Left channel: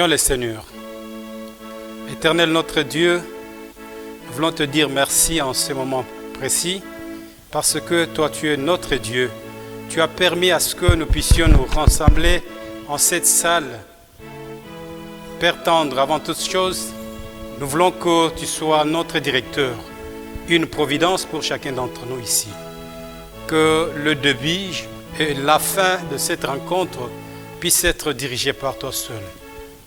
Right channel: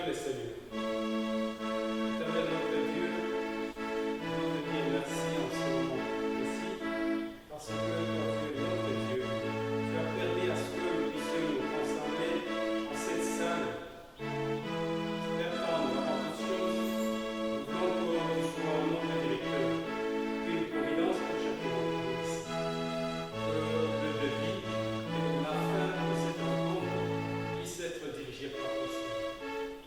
Prions le Seigneur. Éternel notre Dieu, nous voulons te dire merci en ce moment précis parce que toi tu es notre Dieu. Tu as permis à ce que nous puissions nous rassembler en cette salle. Père tendre, avant toute chose, nous voulons que tu sois notre directeur, une providence pour chacun d'entre nous ici. Que le début et la fin de cette rencontre puissent être dirigés par toi seul.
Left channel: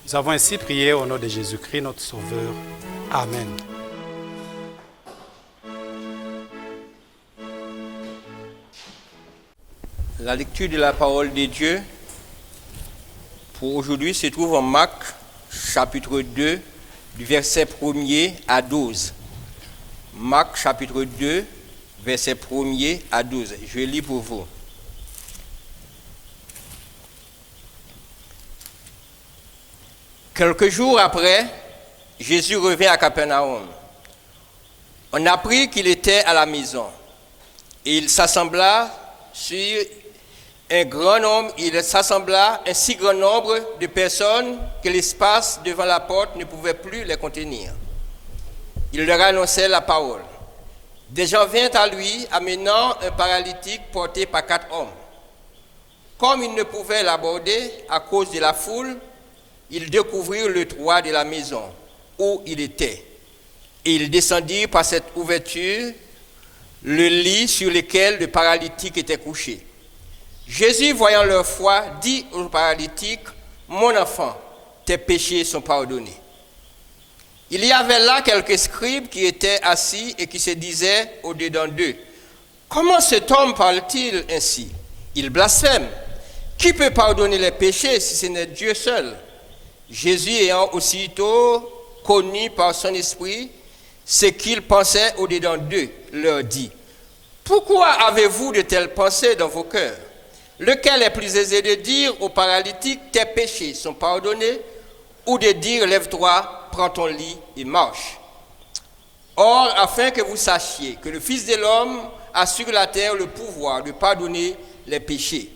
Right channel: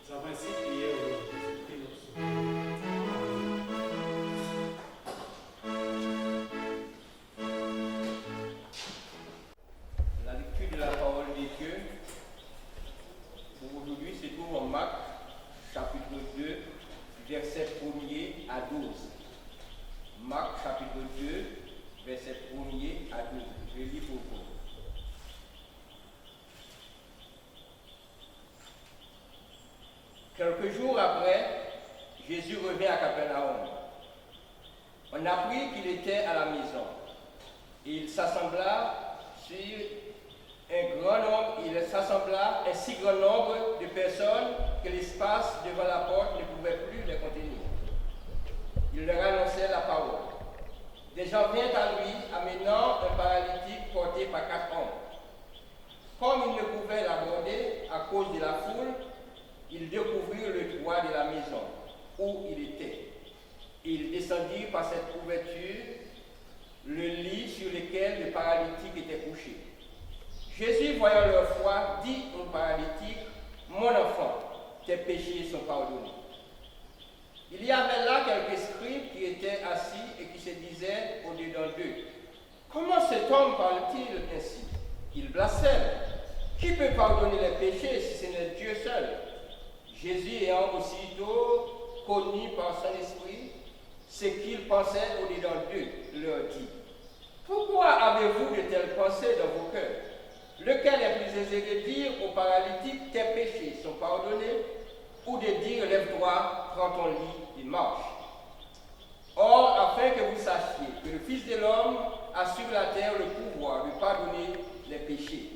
Nous avons ainsi prié au nom de Jésus-Christ, notre Sauveur. Amen. La lecture de la parole de Dieu pour aujourd'hui se trouve en Marc, chapitre 2, du verset 1er à 12. Marc, chapitre 2, verset 1er à 12. Je lis pour vous. Quelques jours après, Jésus revint à Capernaum. On apprit qu'il était à la maison. Et il s'assembla un si grand nombre de personnes que l'espace devant la porte ne pouvait plus les contenir. Il leur annonçait la parole. Des gens vinrent à lui, amenant un paralytique porté par 4 hommes. Comme ils ne pouvaient l'aborder à cause de la foule, ils découvrirent le toit de la maison où il était. Et ils descendirent par cette ouverture le lit sur lequel le paralytique était couché. Jésus, voyant leur foi, dit au paralytique, « Mon enfant, tes péchés sont pardonnés. » Il y avait là quelques scribes qui étaient assis et qui se disaient au-dedans d'eux, « Comment cet homme parle-t-il ainsi? Il blasphème. Qui peut pardonner les péchés si ce n'est Dieu seul? » Jésus, ayant aussitôt connu par son esprit ce qu'ils pensaient au-dedans d'eux, leur dit, « Pourquoi avez-vous de telles pensées dans vos cœurs? Lequel est plus aisé de dire au paralytique, tes péchés sont pardonnés, ou de dire, lève-toi, prends ton lit et marche? Or, afin que vous sachiez que le Fils de l'homme a sur la terre le pouvoir de pardonner les péchés.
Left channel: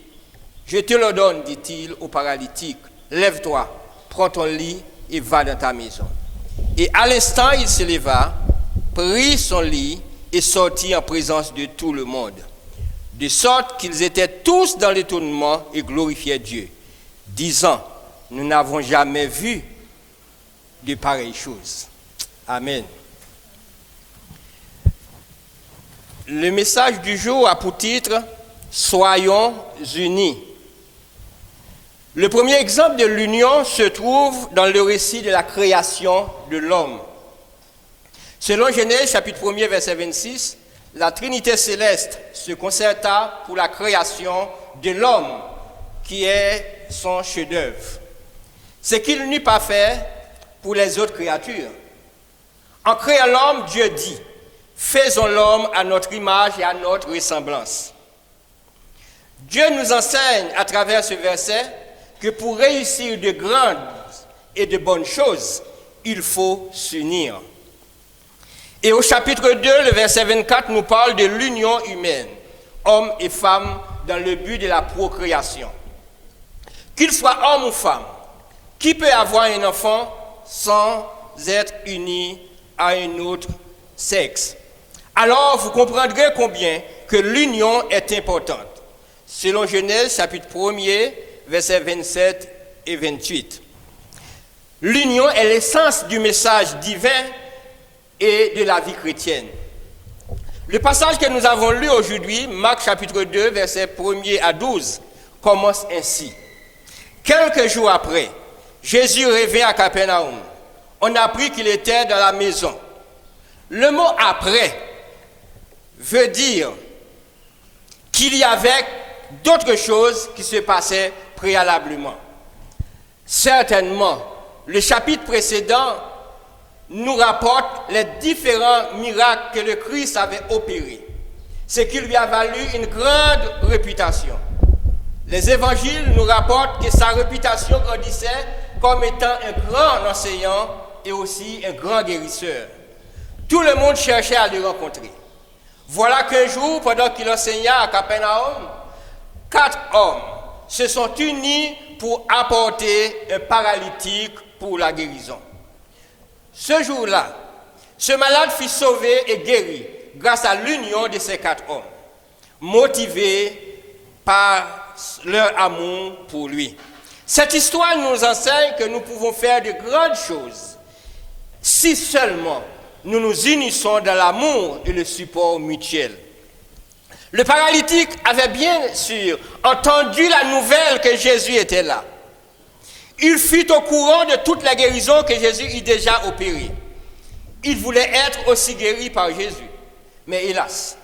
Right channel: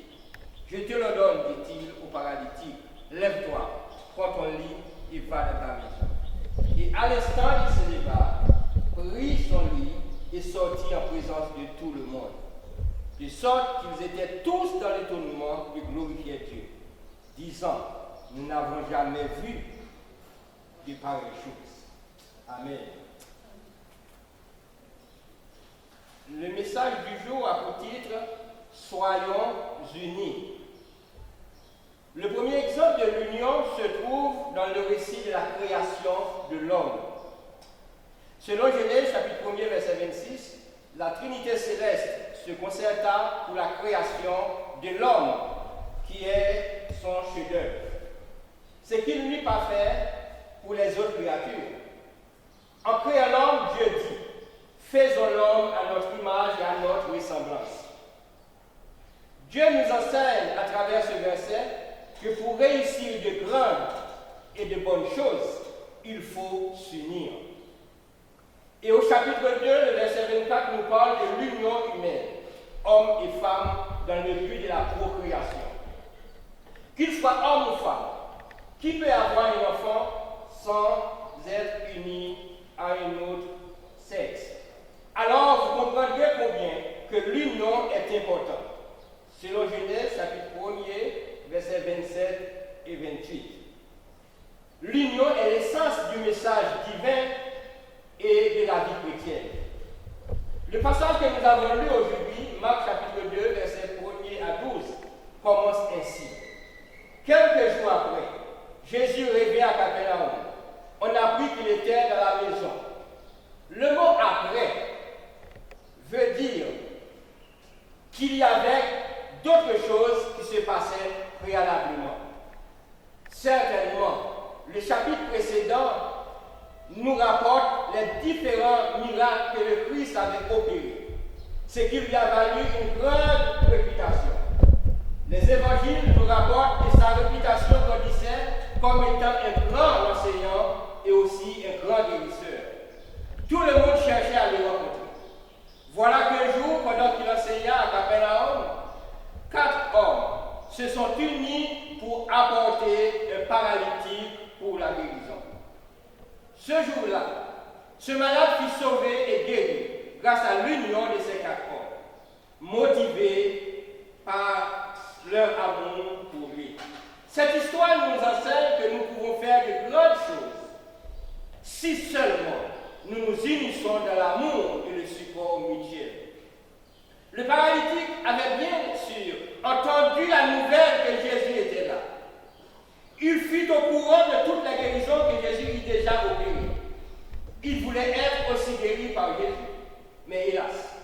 Je te le donne, dit-il au paralytique, lève-toi, prends ton lit et va dans ta maison. Et à l'instant, il se leva, prit son lit et sortit en présence de tout le monde. De sorte qu'ils étaient tous dans l'étonnement et glorifiaient Dieu, disant, nous n'avons jamais vu de pareilles choses. Amen. Le message du jour a pour titre, soyons unis. Le premier exemple de l'union se trouve dans le récit de la création de l'homme. Selon Genèse, chapitre 1er, verset 26, la Trinité céleste se concerta pour la création de l'homme, qui est son chef-d'œuvre. Ce qu'il n'eut pas fait pour les autres créatures. En créant l'homme, Dieu dit, faisons l'homme à notre image et à notre ressemblance. Dieu nous enseigne à travers ce verset que pour réussir de grandes et de bonnes choses, il faut s'unir. Et au chapitre 2, le verset 24 nous parle de l'union humaine, hommes et femmes, dans le but de la procréation. Qu'il soit homme ou femme, qui peut avoir un enfant sans être uni à un autre sexe? Alors vous comprendrez combien que l'union est importante. Selon Genèse, chapitre 1er, versets 27 et 28. L'union est l'essence du message divin et de la vie chrétienne. Le passage que nous avons lu aujourd'hui, Marc chapitre 2, versets 1er à 12, commence ainsi. Quelques jours après, Jésus revint à Capernaum. On apprit qu'il était dans la maison. Le mot « après » veut dire qu'il y avait d'autres choses qui se passaient préalablement. Certainement, le chapitre précédent nous rapporte les différents miracles que le Christ avait opérés, ce qui lui a valu une grande réputation. Les évangiles nous rapportent que sa réputation grandissait comme étant un grand enseignant et aussi un grand guérisseur. Tout le monde cherchait à le rencontrer. Voilà qu'un jour, pendant qu'il enseignait à Capernaum, 4 hommes se sont unis pour apporter un paralytique pour la guérison. Ce jour-là, ce malade fut sauvé et guéri grâce à l'union de ces 4 hommes, motivés par leur amour pour lui. Cette histoire nous enseigne que nous pouvons faire de grandes choses si seulement nous nous unissons dans l'amour et le support mutuel. Le paralytique avait bien sûr entendu la nouvelle que Jésus était là. Il fut au courant de toute la guérison que Jésus eut déjà opérée. Il voulait être aussi guéri par Jésus. Mais hélas,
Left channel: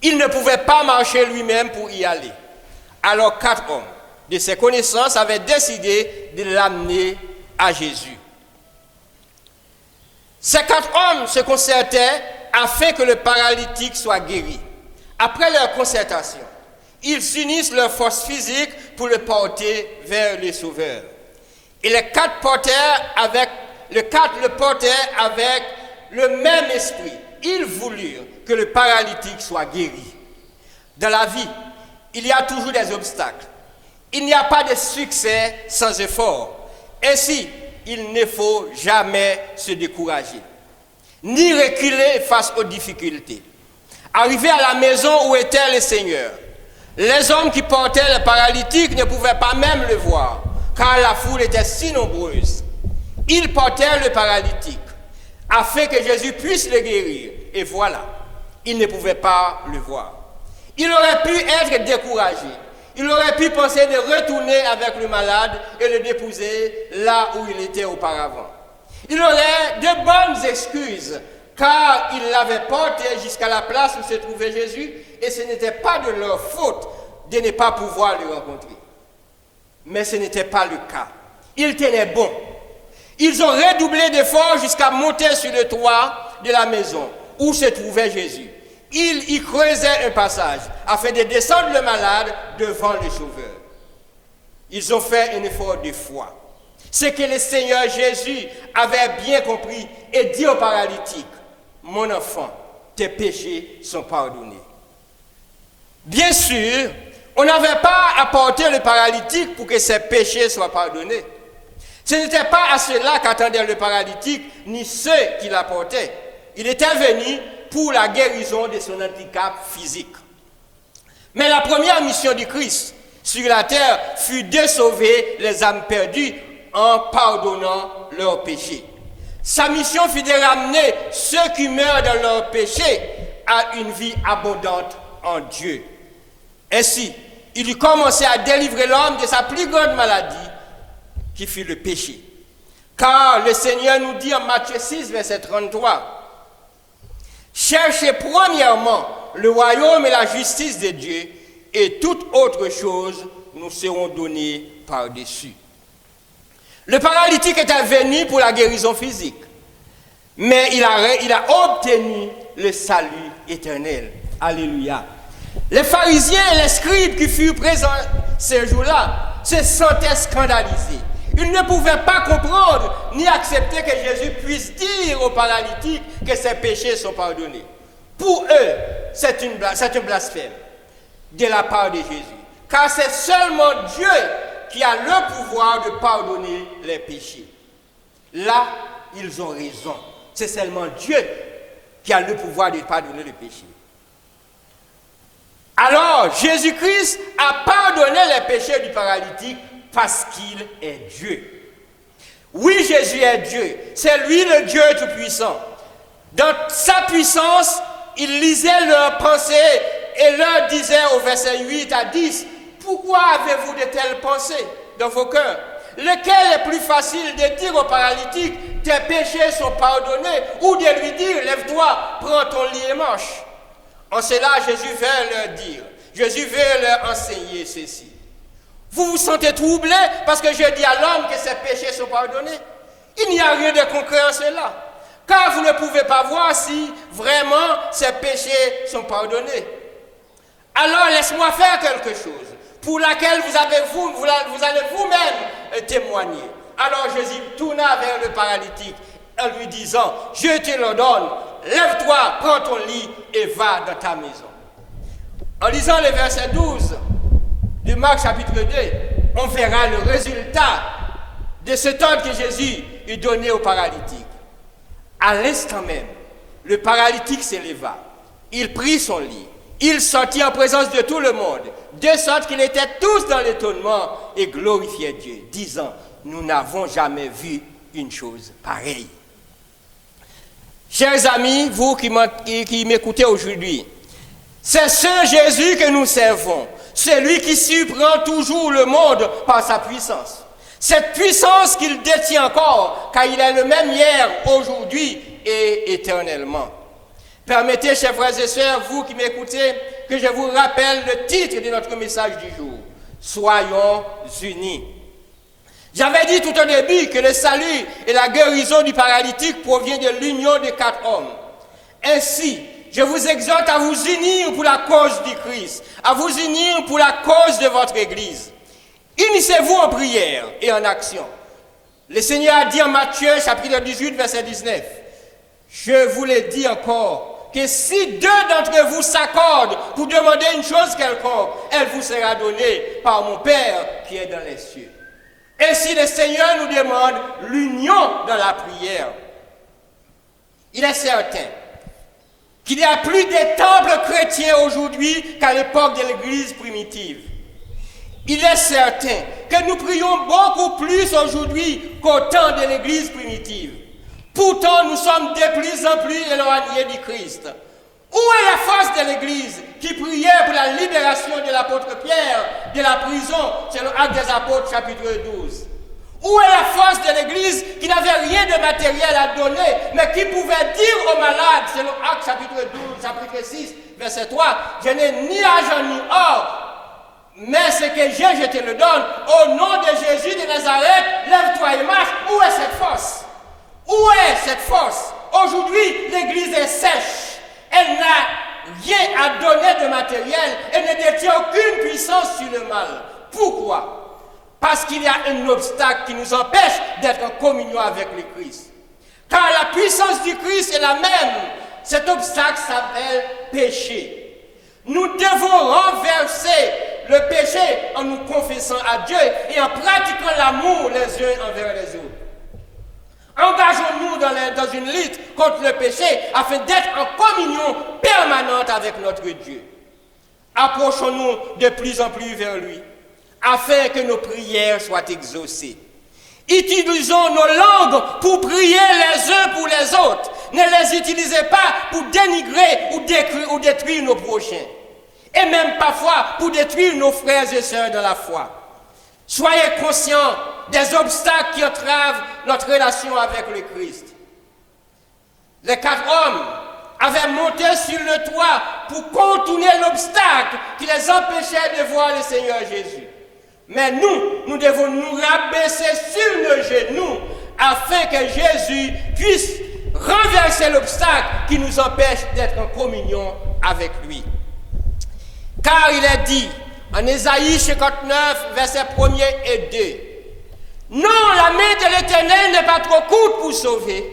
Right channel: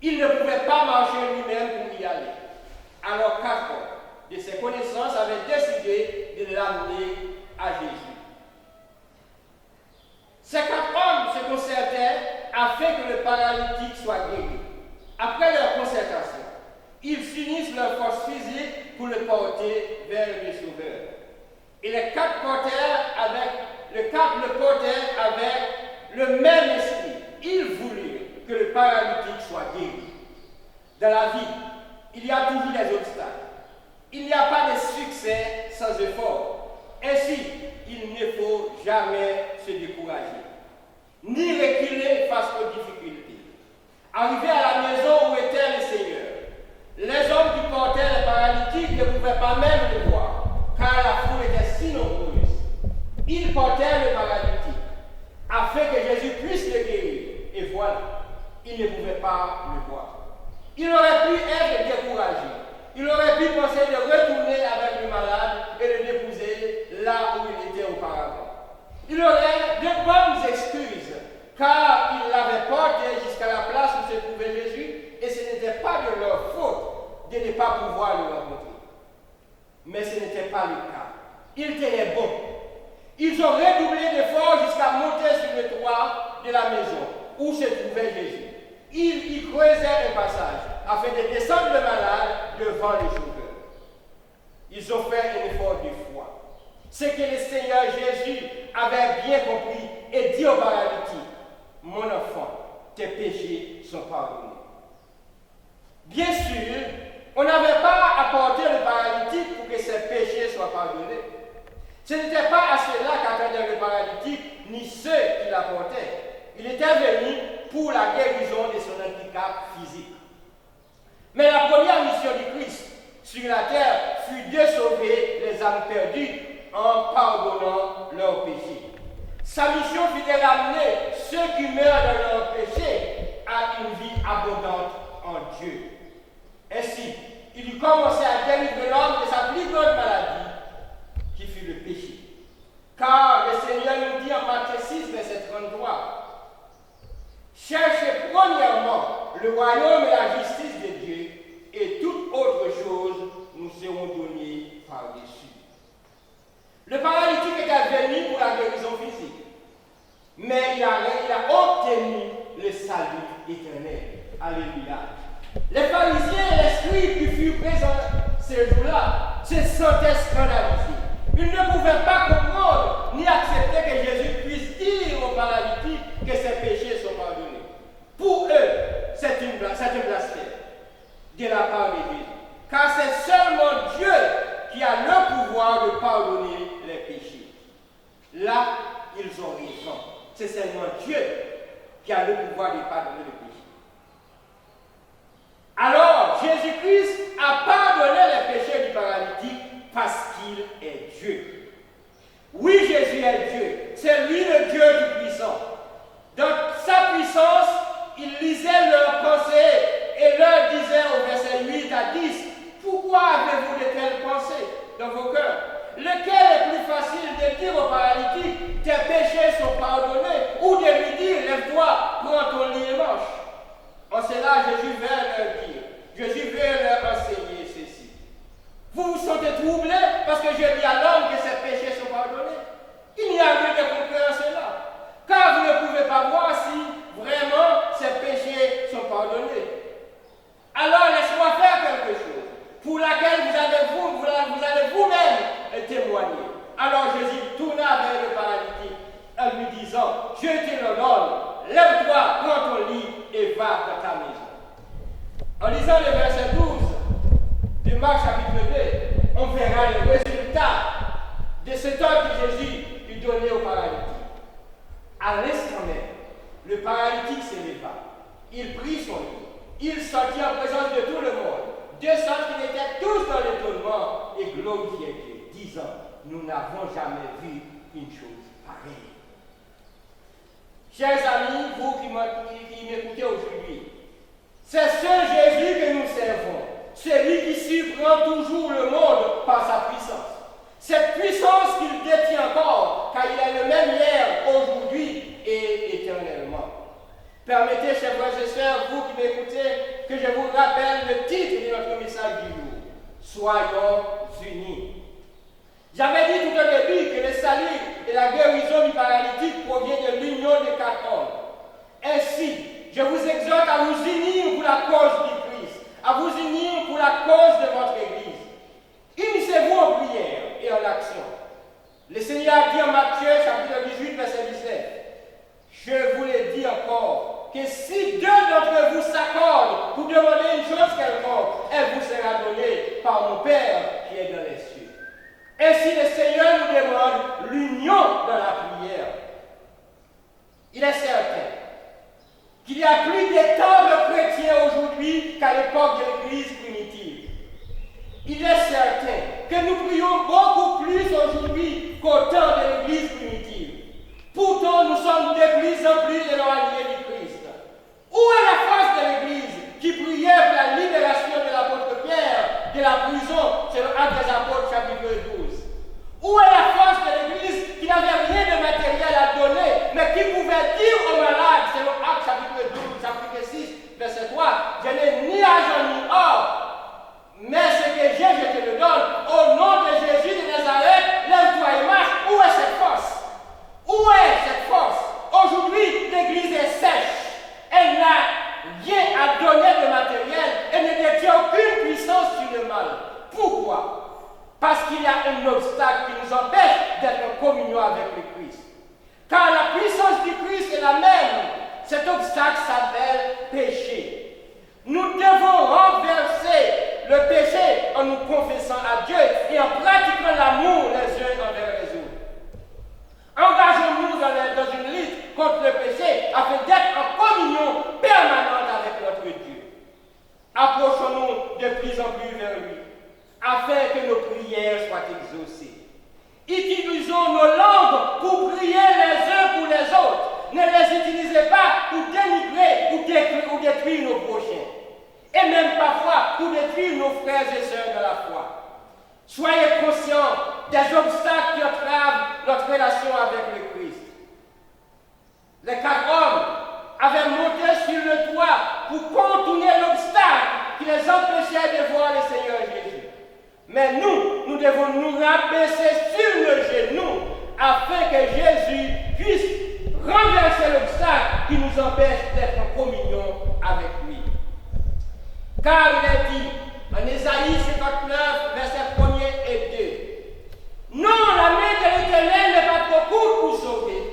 il ne pouvait pas marcher lui-même pour y aller. Alors 4 hommes de ses connaissances avaient décidé de l'amener à Jésus. Ces 4 hommes se concertaient afin que le paralytique soit guéri. Après leur concertation, ils unissent leurs forces physiques pour le porter vers le Sauveur. Et les 4 le portèrent avec le même esprit. Ils voulurent que le paralytique soit guéri. Dans la vie, il y a toujours des obstacles. Il n'y a pas de succès sans effort. Ainsi, il ne faut jamais se décourager, ni reculer face aux difficultés. Arrivés à la maison où était le Seigneur, les hommes qui portaient le paralytique ne pouvaient pas même le voir, car la foule était si nombreuse. Ils portèrent le paralytique, afin que Jésus puisse le guérir. Et voilà, ils ne pouvaient pas le voir. Il aurait pu être découragé. Il aurait pu penser de retourner avec le malade et le déposer là où il était auparavant. Il aurait de bonnes excuses, car il l'avait porté jusqu'à la place où se trouvait Jésus, et ce n'était pas de leur faute de ne pas pouvoir le rencontrer. Mais ce n'était pas le cas. Ils tenaient bon. Ils ont redoublé d'efforts jusqu'à monter sur le toit de la maison où se trouvait Jésus. Ils y creusaient un passage afin de descendre le malade devant le Sauveur. Ils ont fait un effort de foi. Ce que le Seigneur Jésus avait bien compris et dit au paralytique: mon enfant, tes péchés sont pardonnés. Bien sûr, on n'avait pas apporté le paralytique pour que ses péchés soient pardonnés. Ce n'était pas à cela qu'attendait le paralytique, ni ceux qui l'apportaient. Il était venu pour la guérison de son handicap physique. Mais la première mission du Christ sur la terre fut de sauver les âmes perdues en pardonnant leurs péchés. Sa mission fut de ramener ceux qui meurent dans leurs péchés à une vie abondante en Dieu. Ainsi, il eut commencé à délivrer l'homme de sa plus grande maladie, qui fut le péché. Car le Seigneur nous dit en Matthieu 6, verset 33, « Cherchez premièrement le royaume et la justice de Dieu, et toute autre chose nous seront données par-dessus. » Le paralytique était venu pour la guérison physique, mais il a obtenu le salut éternel. Alléluia. Les pharisiens et les scribes qui furent présents ces jours-là se sentaient scandalisés. Ils ne pouvaient pas comprendre ni accepter que Jésus puisse dire au paralytique que ses péchés sont pardonnés. Pour eux, c'est un blasphème de la part de Jésus. Car c'est seulement Dieu qui a le pouvoir de pardonner les péchés. Là, ils ont raison. C'est seulement Dieu qui a le pouvoir de pardonner les péchés. Alors, Jésus-Christ a pardonné les péchés du paralytique parce qu'il est Dieu. Oui, Jésus est Dieu. C'est lui le Dieu Tout-Puissant. Dans sa puissance, il lisait leurs pensées et leur disait au verset 8 à 10, « Pourquoi avez-vous de telles pensées dans vos cœurs? Lequel est plus facile de dire au paralytique, tes péchés sont pardonnés, ou de lui dire, lève-toi, prends ton lit et marche? » En cela, Jésus veut leur enseigner ceci. Vous vous sentez troublé parce que je dis à l'homme que ses péchés sont pardonnés? Il n'y a rien de concret en cela. Car vous ne pouvez pas voir si vraiment ses péchés sont pardonnés. Alors laisse-moi faire quelque chose pour laquelle vous allez vous-même témoigner. Alors Jésus tourna vers le paralytique en lui disant, je te l'ordonne, lève-toi, prends ton lit et va dans ta maison. En lisant le verset 12 de Marc chapitre 2, on verra le résultat de cet ordre que Jésus lui donnait au paralytique. À l'instant même, le paralytique s'éleva. Il prit son lit. Il sortit en présence de tout le monde, de sorte qu'ils étaient tous dans l'étonnement et glorifiaient Dieu, disant, nous n'avons jamais vu une chose pareille. Chers amis, vous qui m'écoutez aujourd'hui, c'est ce Jésus que nous servons, celui qui surprend toujours le monde par sa puissance. Cette puissance qu'il détient encore, car il est le même hier, aujourd'hui et éternellement. Permettez, chers frères et sœurs, vous qui m'écoutez, que je vous rappelle le titre de notre message du jour. Soyons unis. J'avais dit tout au début que le salut et la guérison du paralytique provient de l'union de 4 hommes. Ainsi, je vous exhorte à vous unir pour la cause du Christ, à vous unir pour la cause de votre Église. Unissez-vous en prière et en action. Le Seigneur a dit en Matthieu, chapitre 18, verset 19, « Je vous le dis encore, que si 2 d'entre vous s'accordent pour demander une chose quelconque, elle vous sera donnée par mon Père qui est dans les cieux. » Ainsi, le Seigneur nous demande l'union dans la prière. Il est certain qu'il y a plus de temples chrétiens aujourd'hui qu'à l'époque de l'Église primitive. Il est certain que nous prions beaucoup plus aujourd'hui qu'au temps de l'Église primitive. Pourtant, nous sommes de plus en plus éloignés du Christ. Où est la force de l'Église qui priait pour la libération de l'apôtre Pierre de la prison, selon Actes des Apôtres, chapitre 12? Où est la force de l'Église qui n'avait rien de matériel à donner, mais qui pouvait dire aux malades, selon Actes chapitre 12, chapitre 6, verset 3, « Je n'ai ni argent ni or, mais ce que j'ai, je te le donne. Au nom de Jésus de Nazareth, lève-toi et marche. » Où est cette force? Où est cette force? Aujourd'hui, l'Église est sèche. Elle n'a rien à donner de matériel. Elle ne détient aucune puissance sur le mal. Pourquoi? Parce qu'il y a un obstacle qui nous empêche d'être en communion avec le Christ. Car la puissance du Christ est la même. Cet obstacle s'appelle péché. Nous devons renverser le péché en nous confessant à Dieu et en pratiquant l'amour les uns envers les autres. Engageons-nous dans une lutte contre le péché afin d'être en communion permanente avec notre Dieu. Approchons-nous de plus en plus vers lui afin que nos prières soient exaucées. Utilisons nos langues pour prier les uns pour les autres. Ne les utilisez pas pour dénigrer ou détruire nos prochains. Et même parfois pour détruire nos frères et sœurs de la foi. Soyez conscients des obstacles qui entravent notre relation avec le Christ. Les 4 hommes avaient monté sur le toit pour contourner l'obstacle qui les empêchait de voir le Seigneur Jésus. Mais nous devons nous rabaisser sur nos genoux afin que Jésus puisse renverser l'obstacle qui nous empêche d'être en communion avec lui. Car il est dit en Ésaïe 59, versets 1 et 2, « Non, la main de l'Éternel n'est pas trop courte pour sauver,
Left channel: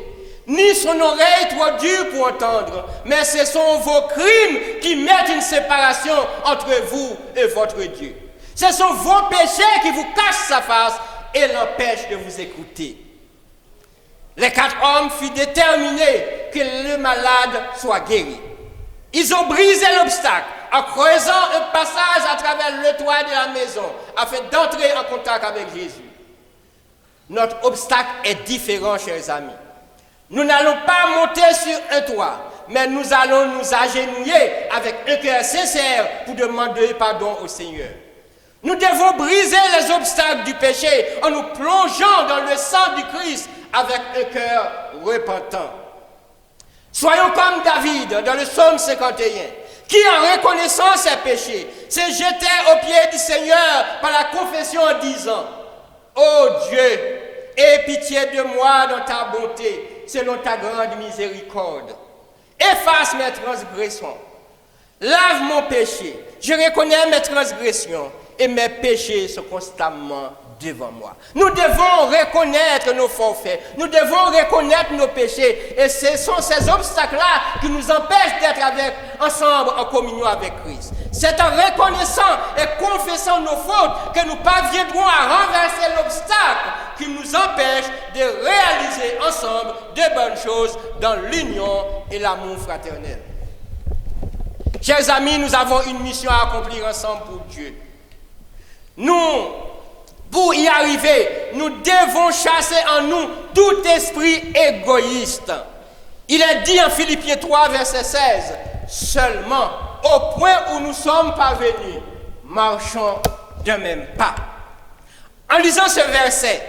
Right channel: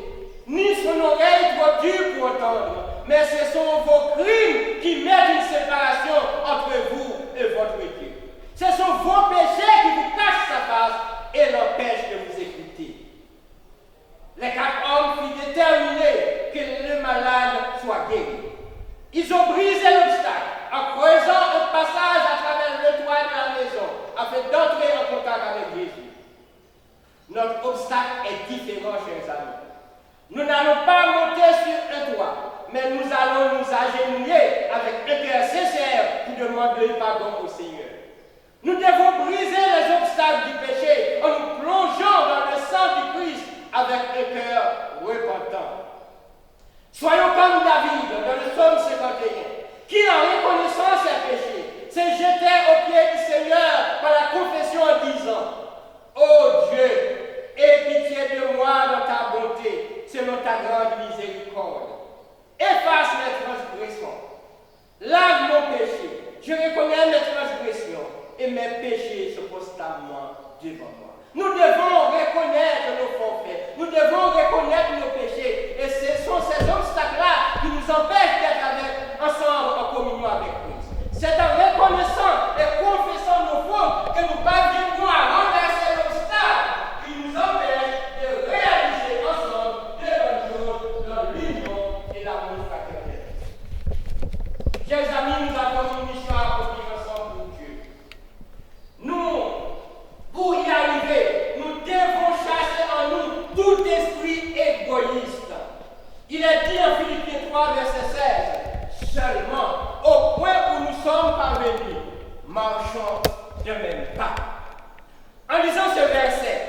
ni son oreille trop dure pour entendre, mais ce sont vos crimes qui mettent une séparation entre vous et votre Dieu. Ce sont vos péchés qui vous cachent sa face et l'empêchent de vous écouter. » Les 4 hommes furent déterminés que le malade soit guéri. Ils ont brisé l'obstacle en creusant un passage à travers le toit de la maison afin d'entrer en contact avec Jésus. Notre obstacle est différent, chers amis. Nous n'allons pas monter sur un toit, mais nous allons nous agenouiller avec un cœur sincère pour demander pardon au Seigneur. Nous devons briser les obstacles du péché en nous plongeant dans le sang du Christ avec un cœur repentant. Soyons comme David dans le psaume 51, qui en reconnaissant ses péchés, s'est jeté aux pieds du Seigneur par la confession en disant, « Ô Dieu, aie pitié de moi dans ta bonté, selon ta grande miséricorde. Efface mes transgressions. Lave mon péché. Je reconnais mes transgressions et mes péchés sont constamment devant moi. » Nous devons reconnaître nos forfaits. Nous devons reconnaître nos péchés. Et ce sont ces obstacles-là qui nous empêchent d'être ensemble en communion avec Christ. C'est en reconnaissant et confessant nos fautes que nous parviendrons à renverser l'obstacle qui nous empêche de réaliser ensemble de bonnes choses dans l'union et l'amour fraternel. Chers amis, nous avons une mission à accomplir ensemble pour Dieu. Nous, pour y arriver, nous devons chasser en nous tout esprit égoïste. Il est dit en Philippiens 3, verset 16, seulement au point où nous sommes parvenus, marchons de même pas. En lisant ce verset,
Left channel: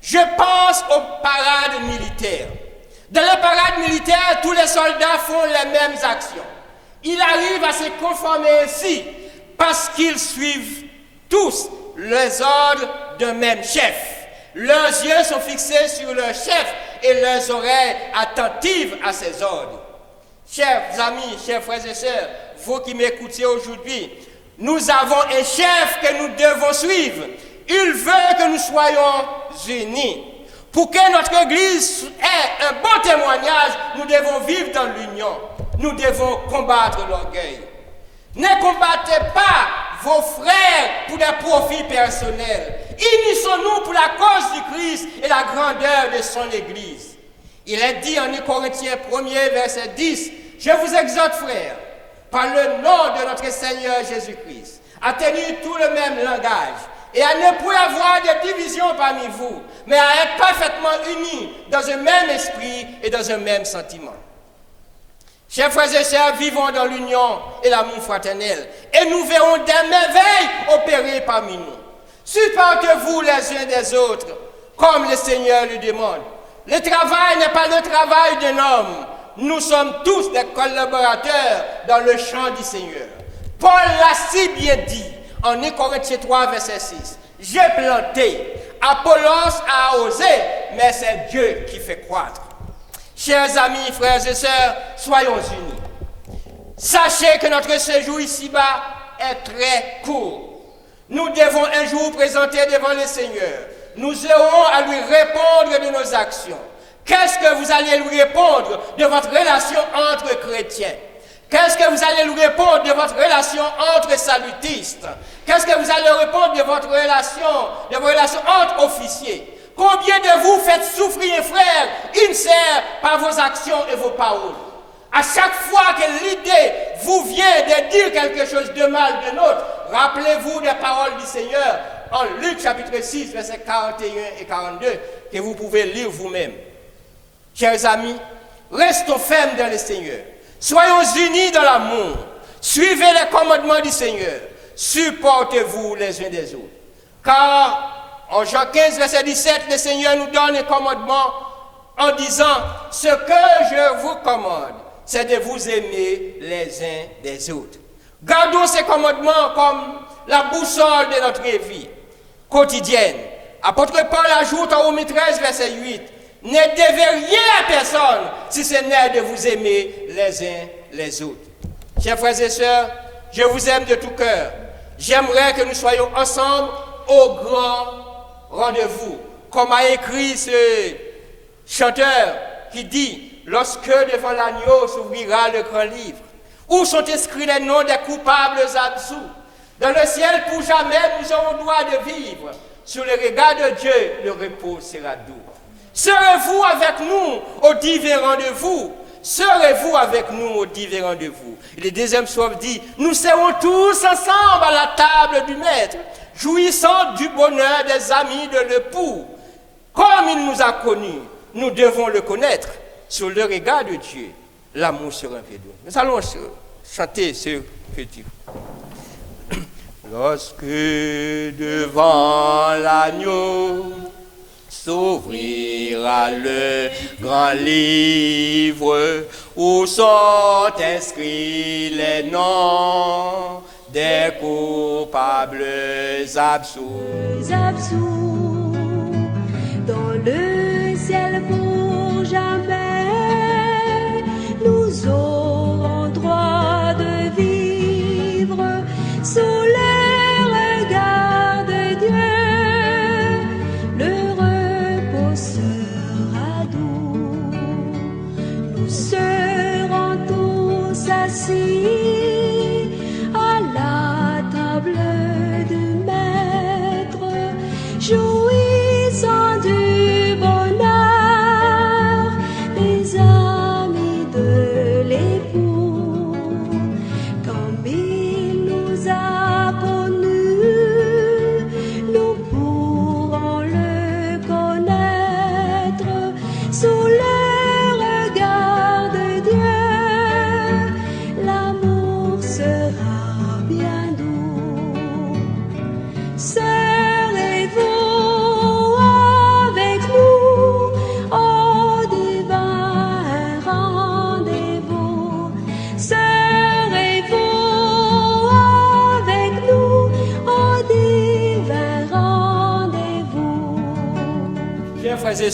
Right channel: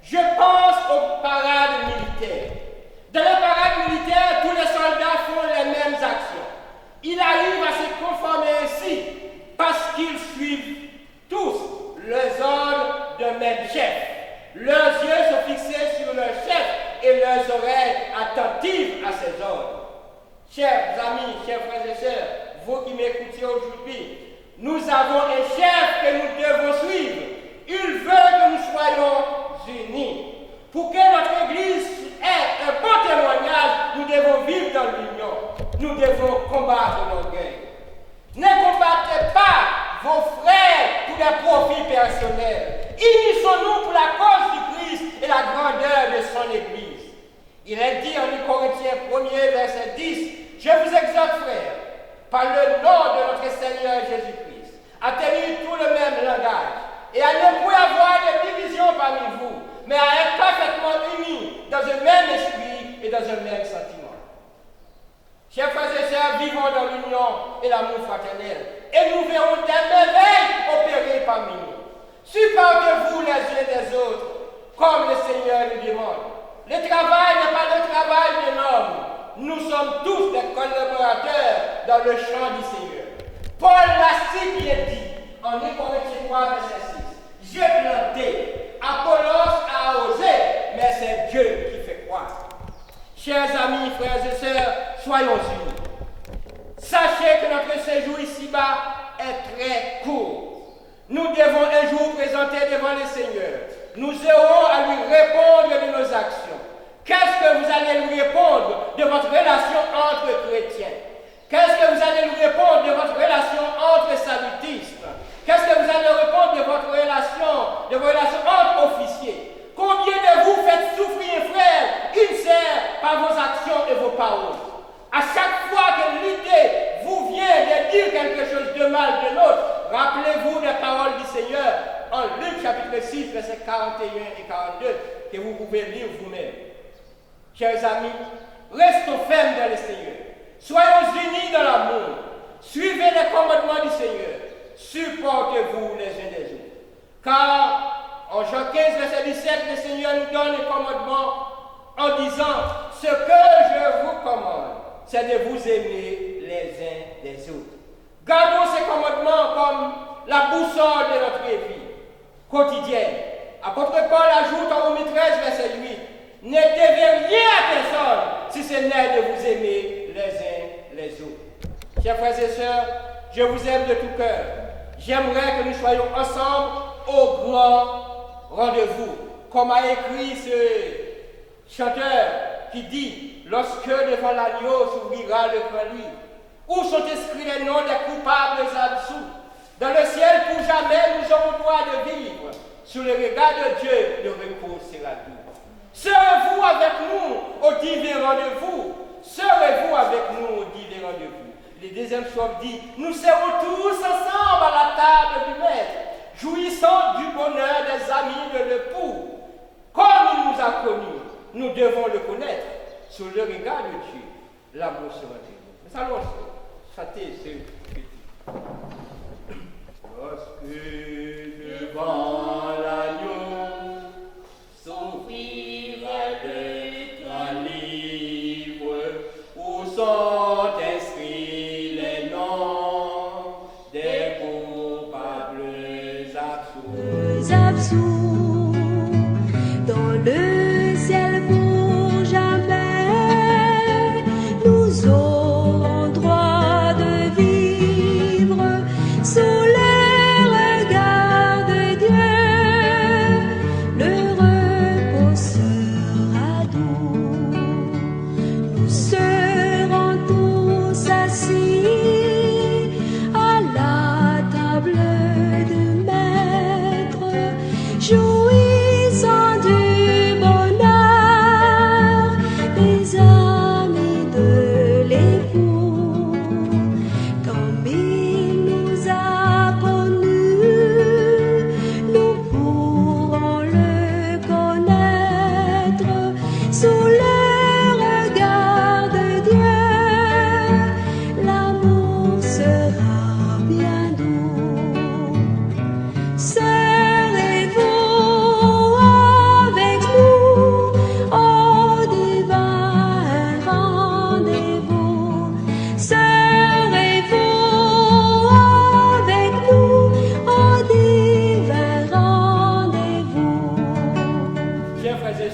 je pense aux parades militaires. Dans les parades militaires, tous les soldats font les mêmes actions. Ils arrivent à se conformer ainsi parce qu'ils suivent tous les ordres d'un même chef. Leurs yeux sont fixés sur leur chef et leurs oreilles attentives à ses ordres. Chers amis, chers frères et sœurs, vous qui m'écoutez aujourd'hui, nous avons un chef que nous devons suivre. Il veut que nous soyons unis. Pour que notre Église ait un bon témoignage, nous devons vivre dans l'union. Nous devons combattre l'orgueil. Ne combattez pas vos frères pour des profits personnels. Unissons-nous pour la cause du Christ et la grandeur de son Église. Il est dit en 1 Corinthiens 1er, verset 10, « Je vous exhorte, frères, par le nom de notre Seigneur Jésus-Christ, à tenir tout le même langage et à ne point avoir de division parmi vous, mais à être parfaitement unis dans un même esprit et dans un même sentiment. » Chers frères et sœurs, vivons dans l'union et l'amour fraternel, et nous verrons des merveilles opérer parmi nous. Supportez-vous les uns des autres, comme le Seigneur le demande. Le travail n'est pas le travail d'un homme. Nous sommes tous des collaborateurs dans le champ du Seigneur. Paul l'a si bien dit en 1 Corinthiens 3, verset 6. J'ai planté, Apollos a osé, mais c'est Dieu qui fait croître. Chers amis, frères et sœurs, soyons unis. Sachez que notre séjour ici-bas est très court. Nous devons un jour présenter devant le Seigneur. Nous aurons à lui répondre de nos actions. Qu'est-ce que vous allez lui répondre de votre relation entre chrétiens? Qu'est-ce que vous allez lui répondre de votre relation entre salutistes? Qu'est-ce que vous allez répondre de votre relation entre officiers? Combien de vous faites souffrir un frère, une sœur par vos actions et vos paroles? À chaque fois que l'idée vous vient de dire quelque chose de mal de l'autre, rappelez-vous des paroles du Seigneur en Luc chapitre 6, versets 41 et 42, que vous pouvez lire vous-même. Chers amis, restons fermes dans le Seigneur. Soyons unis dans l'amour. Suivez les commandements du Seigneur. Supportez-vous les uns des autres. Car en Jean 15, verset 17, le Seigneur nous donne les commandements en disant « Ce que je vous commande, c'est de vous aimer les uns des autres. » Gardons ces commandements comme la boussole de notre vie quotidienne. Apôtre Paul ajoute en Romains 13, verset 8, « Ne devez rien à personne si ce n'est de vous aimer les uns les autres. » Chers frères et sœurs, je vous aime de tout cœur. J'aimerais que nous soyons ensemble au grand rendez-vous. Comme a écrit ce chanteur qui dit « Lorsque devant l'agneau s'ouvrira le grand livre, où sont inscrits les noms des coupables absous. Dans le ciel, pour jamais, nous aurons droit de vivre. Sur le regard de Dieu, le repos sera doux. Serez-vous avec nous aux divers rendez-vous? Serez-vous avec nous aux divers rendez-vous? Le deuxième psaume dit, nous serons tous ensemble à la table du Maître, jouissant du bonheur des amis de l'époux. Comme il nous a connus, nous devons le connaître. Sur le regard de Dieu, l'amour sera révélé. Nous allons chanter ce petit. Lorsque devant l'agneau s'ouvrira le grand livre où sont inscrits les noms des coupables absous. Dans le ciel pour jamais, nous aurons droit de vivre sous le regard de Dieu. Le repos sera doux. Nous serons tous assis à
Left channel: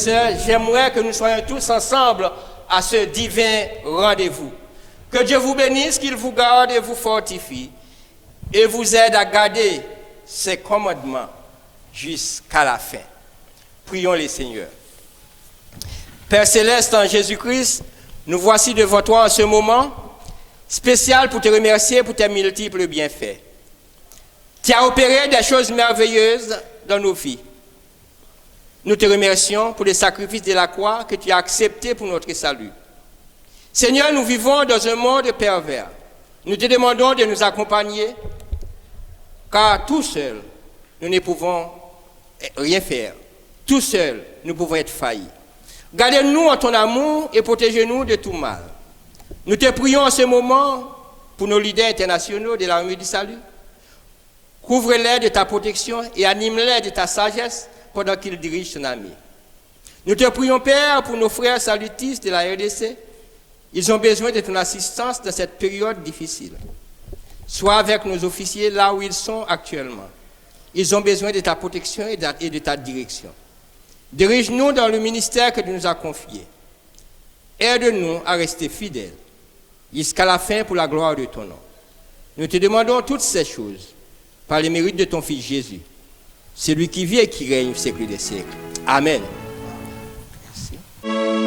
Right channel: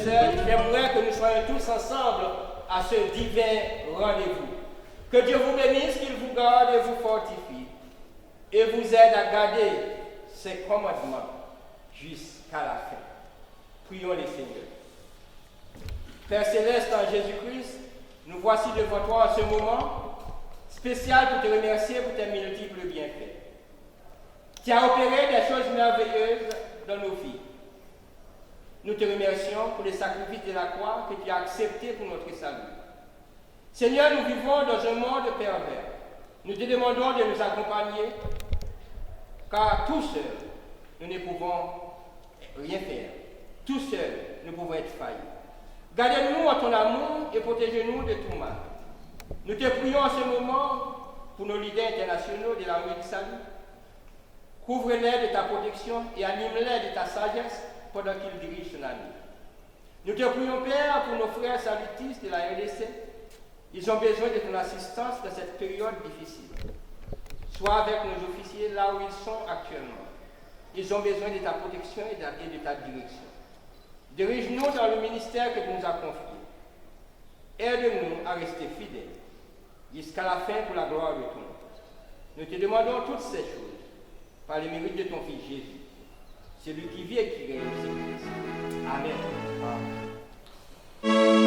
sœurs, j'aimerais que nous soyons tous ensemble à ce divin rendez-vous. Que Dieu vous bénisse, qu'il vous garde et vous fortifie et vous aide à garder ses commandements jusqu'à la fin. Prions les Seigneurs. Père Céleste, en Jésus-Christ, nous voici devant toi en ce moment spécial pour te remercier pour tes multiples bienfaits. Tu as opéré des choses merveilleuses dans nos vies. Nous te remercions pour les sacrifices de la croix que tu as acceptés pour notre salut. Seigneur, nous vivons dans un monde pervers. Nous te demandons de nous accompagner, car tout seuls, nous ne pouvons rien faire. Tout seuls, nous pouvons être faillis. Gardez-nous en ton amour et protégez-nous de tout mal. Nous te prions en ce moment pour nos leaders internationaux de l'armée du salut. Couvre-les de ta protection et anime-les de ta sagesse pendant qu'ils dirigent ton armée. Nous te prions, Père, pour nos frères salutistes de la RDC. Ils ont besoin de ton assistance dans cette période difficile. Sois avec nos officiers là où ils sont actuellement. Ils ont besoin de ta protection et de ta direction. Dirige-nous dans le ministère que tu nous as confié. Aide-nous à rester fidèles jusqu'à la fin pour la gloire de ton nom. Nous te demandons toutes ces choses par les mérites de ton Fils Jésus, celui qui vit et qui règne au siècle des siècles. Amen. Merci.